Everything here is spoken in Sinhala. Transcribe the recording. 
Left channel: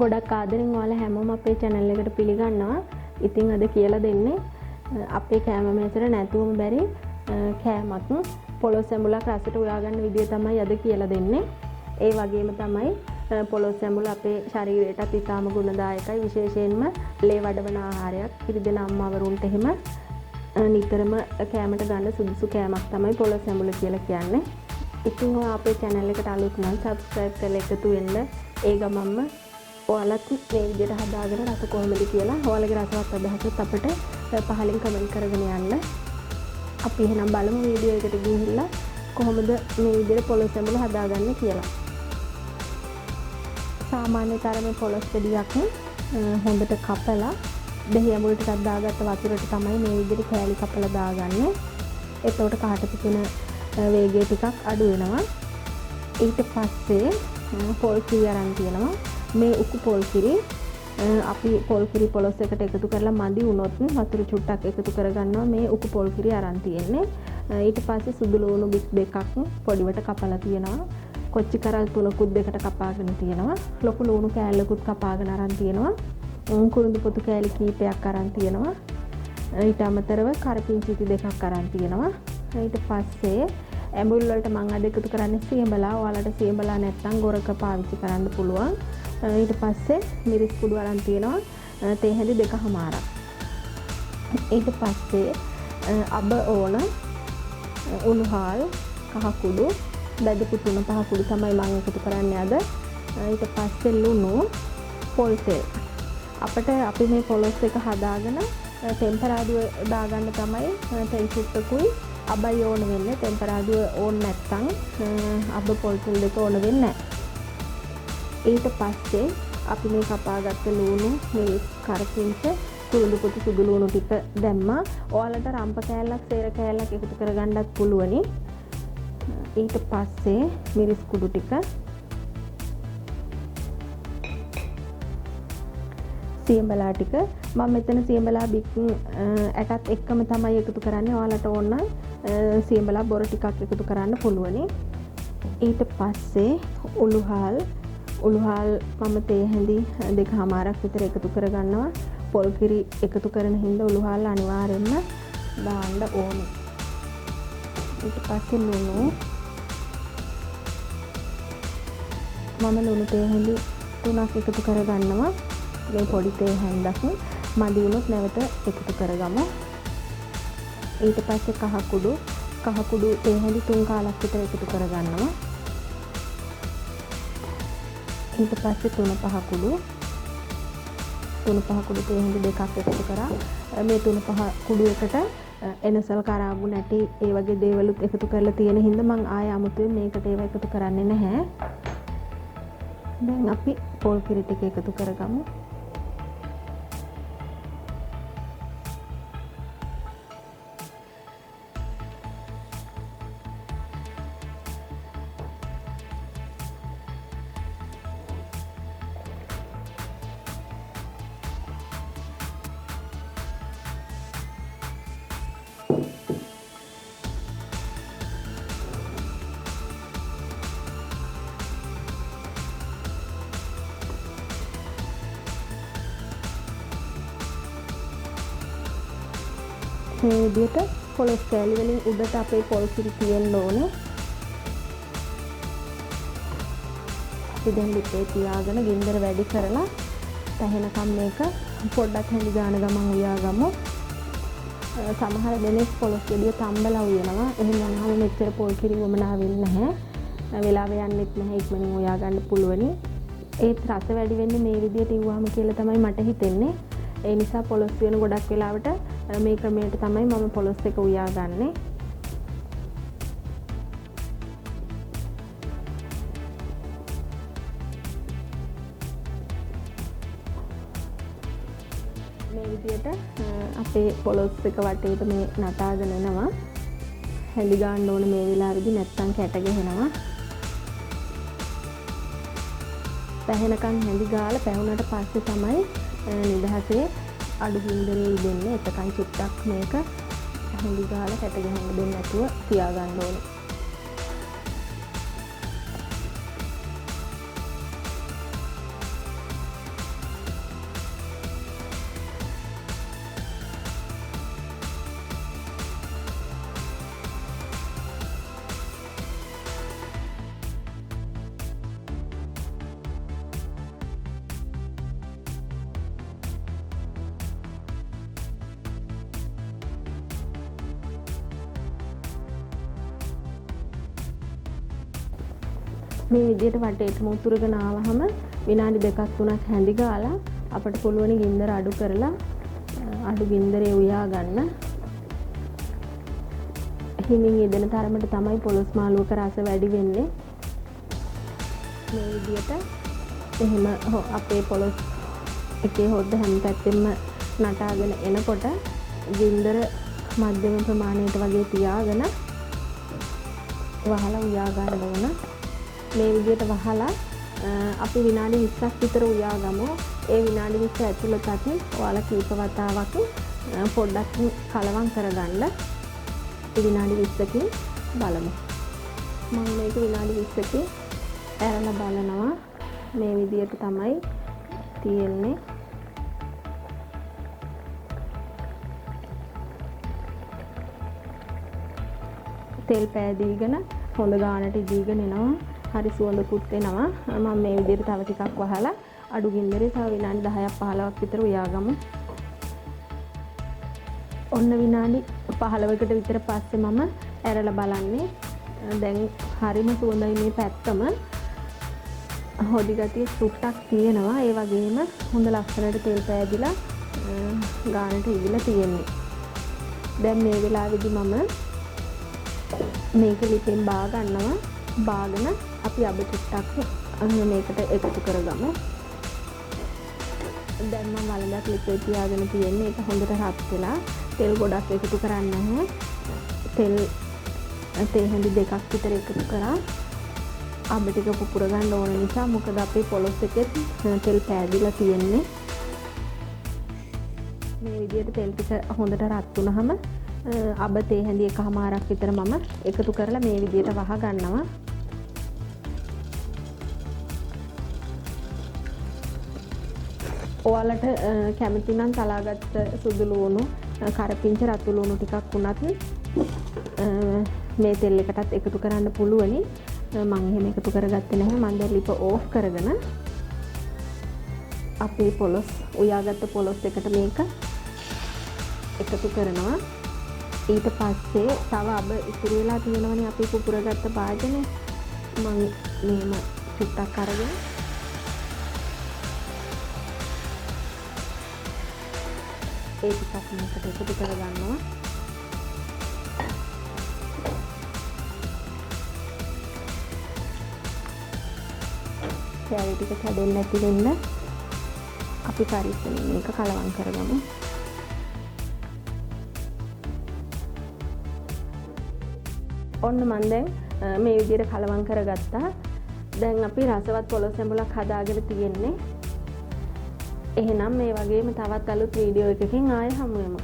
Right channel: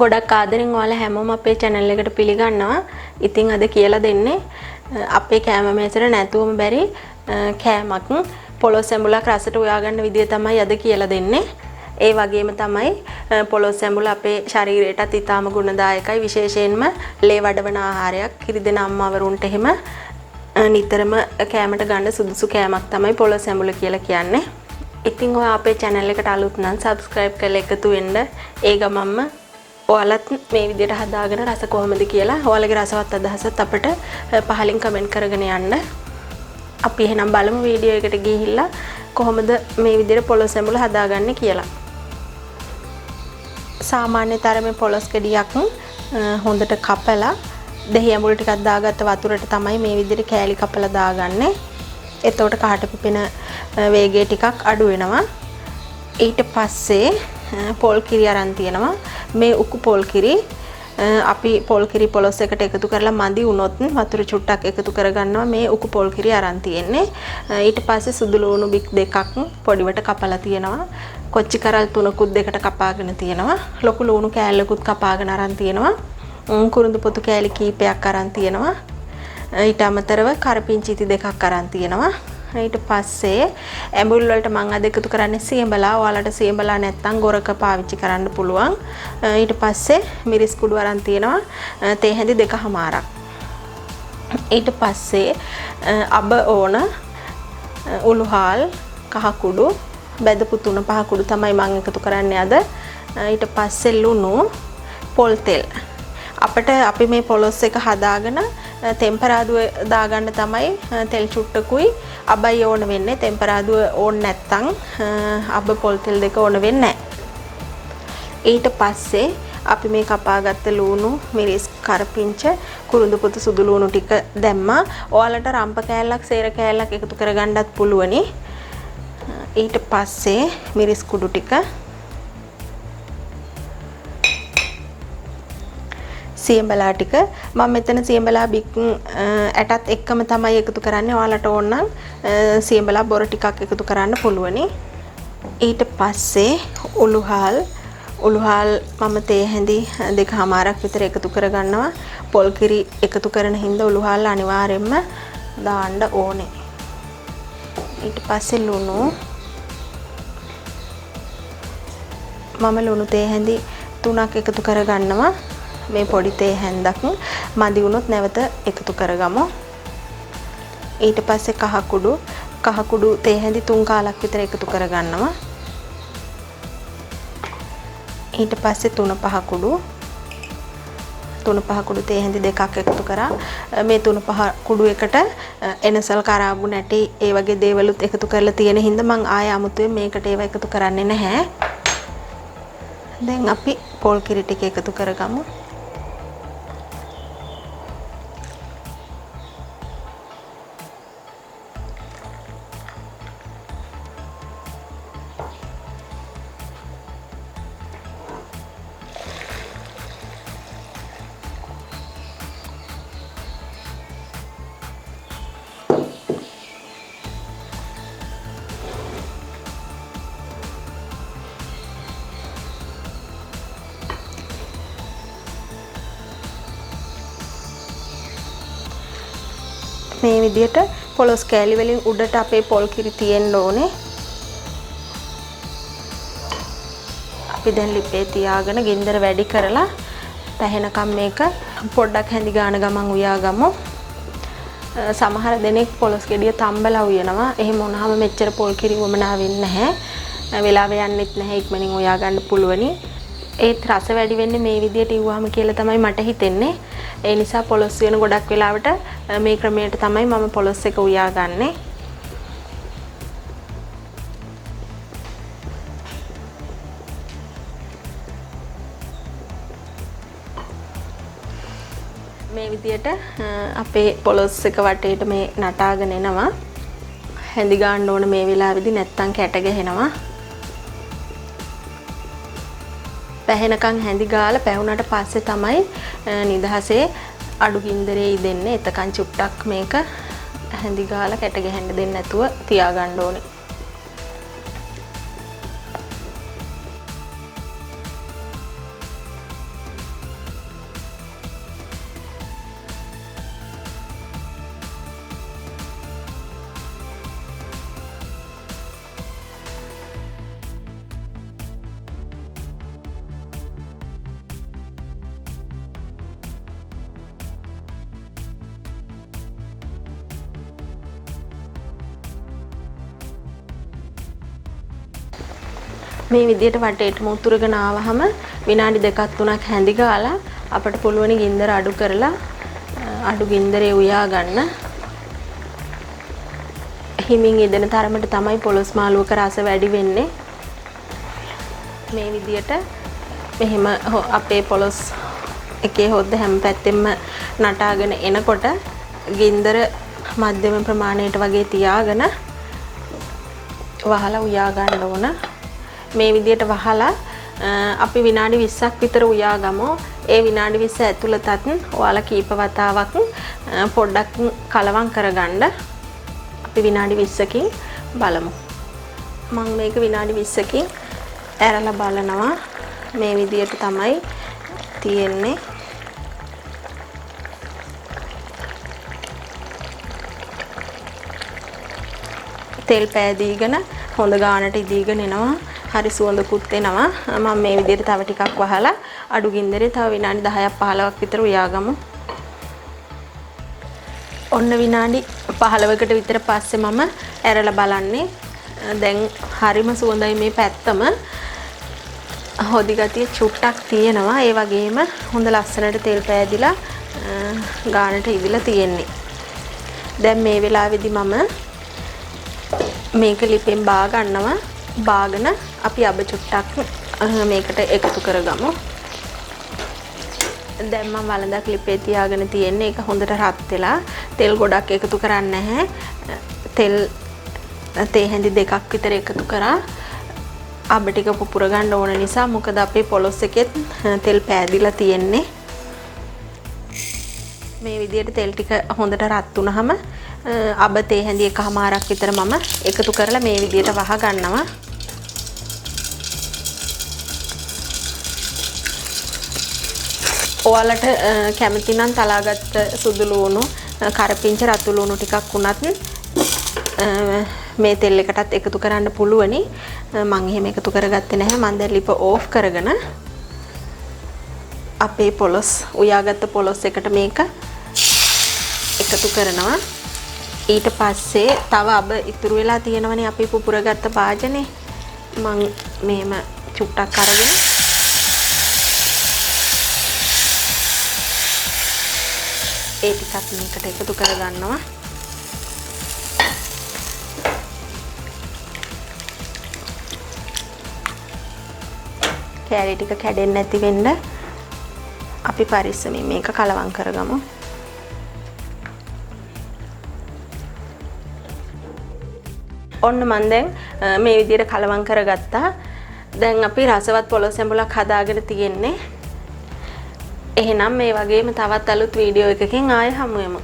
ගොඩක් ආදරෙන් ඔයාලා හැමෝම අපේ channel එකට පිළිගන්නවා. ඉතින් අද කියලා දෙන්නේ අපේ කෑම මේසෙට නැතුවම බැරි කෑමක් පොලොස් ඇඹුලක් රසට උයා ගන්න විදිය තමයි අද කියලා දෙන්නේ. ඒ වගේම තමයි පොලොස් ඇඹුල අපේ ශරීරයටත් ඉතාම ගුණදායකයි. විශේෂයෙන්ම ලේ වඩවන ආහාරයක්. කිරිදෙන අම්මවරුන්ට එහෙම නිතරම කෑමට ගන්න සුදුසු කෑමක් තමයි පොලොස් ඇඹුල කියලා කියන්නේ. ඉතින් ඔයා අපේ channel එකට අලුත් නම් subscribe කරලා එකතු වෙන්න. ඒ ගමන්ම ඔයාලත් මේ විදිහට හදාගෙන රස කොහොමද කියලා ඔයාලගේ රසවත් අදහසත් අපිට පහලින් කමෙන්ට් කරගෙන යන්න. අපි එහෙනම් බලමු වීඩියෝ එකට ගිහිල්ලා කොහොමද මේ විදිහට පොලොස් ඇඹුල හදාගන්නේ කියලා. සාමාන්‍ය තරමේ පොලොස් ගෙඩියක් හොඳට කපලා දෙහි ඇඹුල් ටිකක් දාගත්ත වතුරට තමයි මේ විදිහට කෑලි කපලා දාගන්නේ. එතකොට කහට පිපෙන වේගය ටිකක් අඩු වෙනවා. ඊට පස්සේ පොල් කිරි අරන් තියෙනවා. මේ උකු පොල් කිරි අපි පොල් කිරි පොලොස් එකට එකතු කරලා මදි වුණොත් වතුර චුට්ටක් එකතු කරගන්නවා. මේ උකු පොල් කිරි අරන් තියෙන්නේ. ඊට පස්සේ සුදු ලුණු බික් දෙකක් පොඩිවට කපලා තියෙනවා. කොච්චි කරල් තුනකුත් දෙකට කපාගෙන තියෙනවා. ලොකු ලුණු කෑල්ලකුත් කපාගෙන අරන් තියෙනවා. කුරුඳු පොතු කෑලි කීපයක් අරන් තියෙනවා. ඊට අමතරව කරපිංචිති දෙකක් අරන් තියෙනවා. ඊට පස්සේ ඇඹුල් වලට මම අද එකතු කරන්නේ සියඹලා. ඔයාලට සියඹලා නැත්නම් ගොරක පාවිච්චි කරන්න පුළුවන්. ඊට පස්සේ මිරිස් කුඩු අරන් තියෙනවා. තේ හැඳි 2කමාරක්. ඊට පස්සේ අබ ඕන, උළුහාල්, කහ කුඩු, බෙදපු 3-5 කුඩු තමයි මම එකතු කරන්නේ අද. ඊට පස්සේ ලුණු, පොල් තෙල්. අපිට අපි මේ පොලොස් එක හදාගෙන ටෙම්පරාදුව දාගන්න තමයි තෙල් චුට්ටකුයි අබයි ඕන වෙන්නේ. ටෙම්පරාදුව ඕන නැත්තම් අබ පොල් තෙල් දෙක ඕන වෙන්නේ නැහැ. ඊට පස්සේ අපි මේ කපාගත්ත ලුණු, මිරිස්, කරපිංච, කුරුඳු පොතු සුදු ලුණු ටික දැම්මා. ඔයාලට රම්ප කෑල්ලක්, සේර කෑල්ලක් එකතු කරගන්නත් පුළුවනි. ඊට පස්සේ මිරිස් කුඩු ටික, සියඹලා ටික. මම මෙතන සියඹලා බික් ඇටත් එක්කම තමයි එකතු කරන්නේ. ඔයාලට ඕන නම් සියඹලා බොර ටිකක් එකතු කරන්න පුළුවනි. ඊට පස්සේ උළුහාල් මම තේ හැඳි 2කමාරක් විතර එකතු කරගන්නවා. පොල් කිරි එකතු කරන හින්දා උළුහාල් අනිවාර්යයෙන්ම දාන්න ඕනේ. ඊට පස්සේ ලුණු මම ලුණු තේ හැඳි 3ක් එකතු කරගන්නවා. මේ පොඩි තේ හැන්දක් මදි වුණොත් නැවත එකතු කරගමු. ඊට පස්සේ කහ කුඩු තේ හැඳි 3 කාලක් විතර එකතු කරගන්නවා. ඊට පස්සේ 3-5 කුඩු තේ හැඳි 2ක් එකතු කරා. මේ 3-5 කුඩු එකට එනසල් කරාබු නැටි ඒ වගේ දේවලුත් එකතු කරලා තියෙන හින්දා මම ආය අමුතුවෙන් මේකට ඒව එකතු කරන්නේ නැහැ. දැන් අපි පොල් කිරි ටික එකතු කරගමු. මේ විදිහට පොලොස් කෑලි වලින් උඩට අපේ පොල් කිරි තියෙන්න ඕනේ. අපි දැන් ලිපේ තියාගෙන ගින්දර වැඩි කරලා පැහෙනකම් මේක පොඩ්ඩක් හැඳි ගාන ගමන් උයාගමු. සමහර දෙනෙක් පොලොස් ගෙඩිය තම්බලා උයනවා. එහෙම වුණාම මෙච්චර පොල් කිරි වමනා වෙන්නේ නැහැ. වෙලාව යන්නෙත් නැහැ. ඉක්මනින් උයා ගන්න පුළුවනි. ඒත් රස වැඩි වෙන්නේ මේ විදිහට ඉව්වාම කියලා තමයි මට හිතෙන්නේ. ඒ නිසා පොලොස් වෙන ගොඩක් වෙලාවට මේ ක්‍රමයට තමයි මම පොලොස් එක උයාගන්නේ. මේ විදිහට අපේ පොලොස් එක වටේට මේ නටාගෙන එනවා. හැඳි ගන්න ඕන මේ වෙලාවේදී නැත්තම් කැට ගැහෙනවා. පැහෙනකන් හැඳි ගාලා පැහුනට පස්සේ තමයි නිදහසේ අඩු ගින්දරේ ඉදෙන්නේ. එතකන් චුට්ටක් මේක හැඳි ගාලා කැට ගහන්න දෙන්නේ නැතුව තියාගන්න ඕනේ. මේ විදියට වටේටම උතුරගෙන ආවහම විනාඩි 2-3ක් හැඳි ගාලා අපිට පුළුවන් ගින්දර අඩු කරලා අඩු ගින්දරේ උයා ගන්න. හිමින් ඉදෙන තරමට තමයි පොලොස් මාළුවක රස වැඩි වෙන්නේ. මේ විදියට මෙහෙම අපේ පොලොස් එකේ හොද්ද හැම පැත්තෙම නටාගෙන එනකොට ගින්දර මධ්‍යම ප්‍රමාණයට වගේ තියාගෙන වහලා උයා ගන්න ඕන. මේ විදියට වහලා අපි විනාඩි 20ක් විතර උයා ගමු. ඒ විනාඩි 20 ඇතුළතත් ඔයාලා කීප වතාවක් පොඩ්ඩක් කලවම් කරගන්න. අපි විනාඩි 20කින් බලමු. මම මේක විනාඩි 20කින් ඇරලා බලනවා. මේ විදියට තමයි තියෙන්නේ. තෙල් පෑදීගෙන හොඳ ගානට ඉදීගෙන එනවා. හරි සුවඳකුත් එනවා. මම මේ විදිහට තව ටිකක් වහලා අඩු ගින්දරේ තව විනාඩි 10ක් 15ක් විතර උයාගමු. ඔන්න විනාඩි 15කට විතර පස්සේ මම ඇරලා බලන්නේ. දැන් හරිම සුවඳයි මේ පැත්තම. හොදි ගතිය චුට්ටක් තියෙනවා. ඒ වගේම හොඳ ලස්සනට තෙල් පෑදිලා ගානට ඉදිලා තියෙන්නේ. දැන් මේ වෙලාවේදී මම මේක ලිපෙන් බා ගන්නවා. බාගෙන අපි අබ චුට්ටක් මේකට එකතු කරගමු. දැන් මම වළඳක් ලිපේ තියාගෙන තියෙන්නේ. ඒක හොඳට රත් වෙලා තෙල් ගොඩක් එකතු කරන්නේ නැහැ. තේ හැඳි දෙකක් විතර එකතු කරා අබ ටික පුපුර ගන්න ඕන නිසා. මොකද අපේ පොලොස් එකෙත් තෙල් පෑදිලා තියෙන්නේ. මේ විදිහට තෙල් ටික හොඳට රත් වුණාම අබ තේ හැඳි එකමාරක් විතර මම එකතු කරලා මේ විදිහට වහ ගන්නවා. ඔයාලට කැමති නම් තලාගත්ත සුදු ලුණු, කරපිංච රතු ලුණු ටිකක් වුණත් මේ තෙල් එකටත් එකතු කරන්න පුළුවනි. මම එහෙම එකතු කරගත්තේ නැහැ. මම දැන් ලිප ඕෆ් කරගෙන අපේ පොලොස් උයාගත්ත පොලොස් එකට මේක එකතු කරනවා. ඊට පස්සේ තව අබ ඉතුරු වෙලා තියෙනවනේ අපි පුපුරගත්ත භාජනේ. මම මේම චුට්ටක් අරගෙන ඒ ටිකත් මේකට එකතු කරගන්නවා. කෑලි ටික කැඩෙන්නේ නැති වෙන්න අපි පරිස්සමින් මේක කලවම් කරගමු. ඔන්න මම දැන් මේ විදිහට කලවම් කරගත්තා. දැන් අපි රසවත් පොලොස් සැඹුලක් හදාගෙන තියෙන්නේ. එහෙනම් මේ වගේම තවත් අලුත් වීඩියෝ එකකින් ආයෙ හමු වෙමු.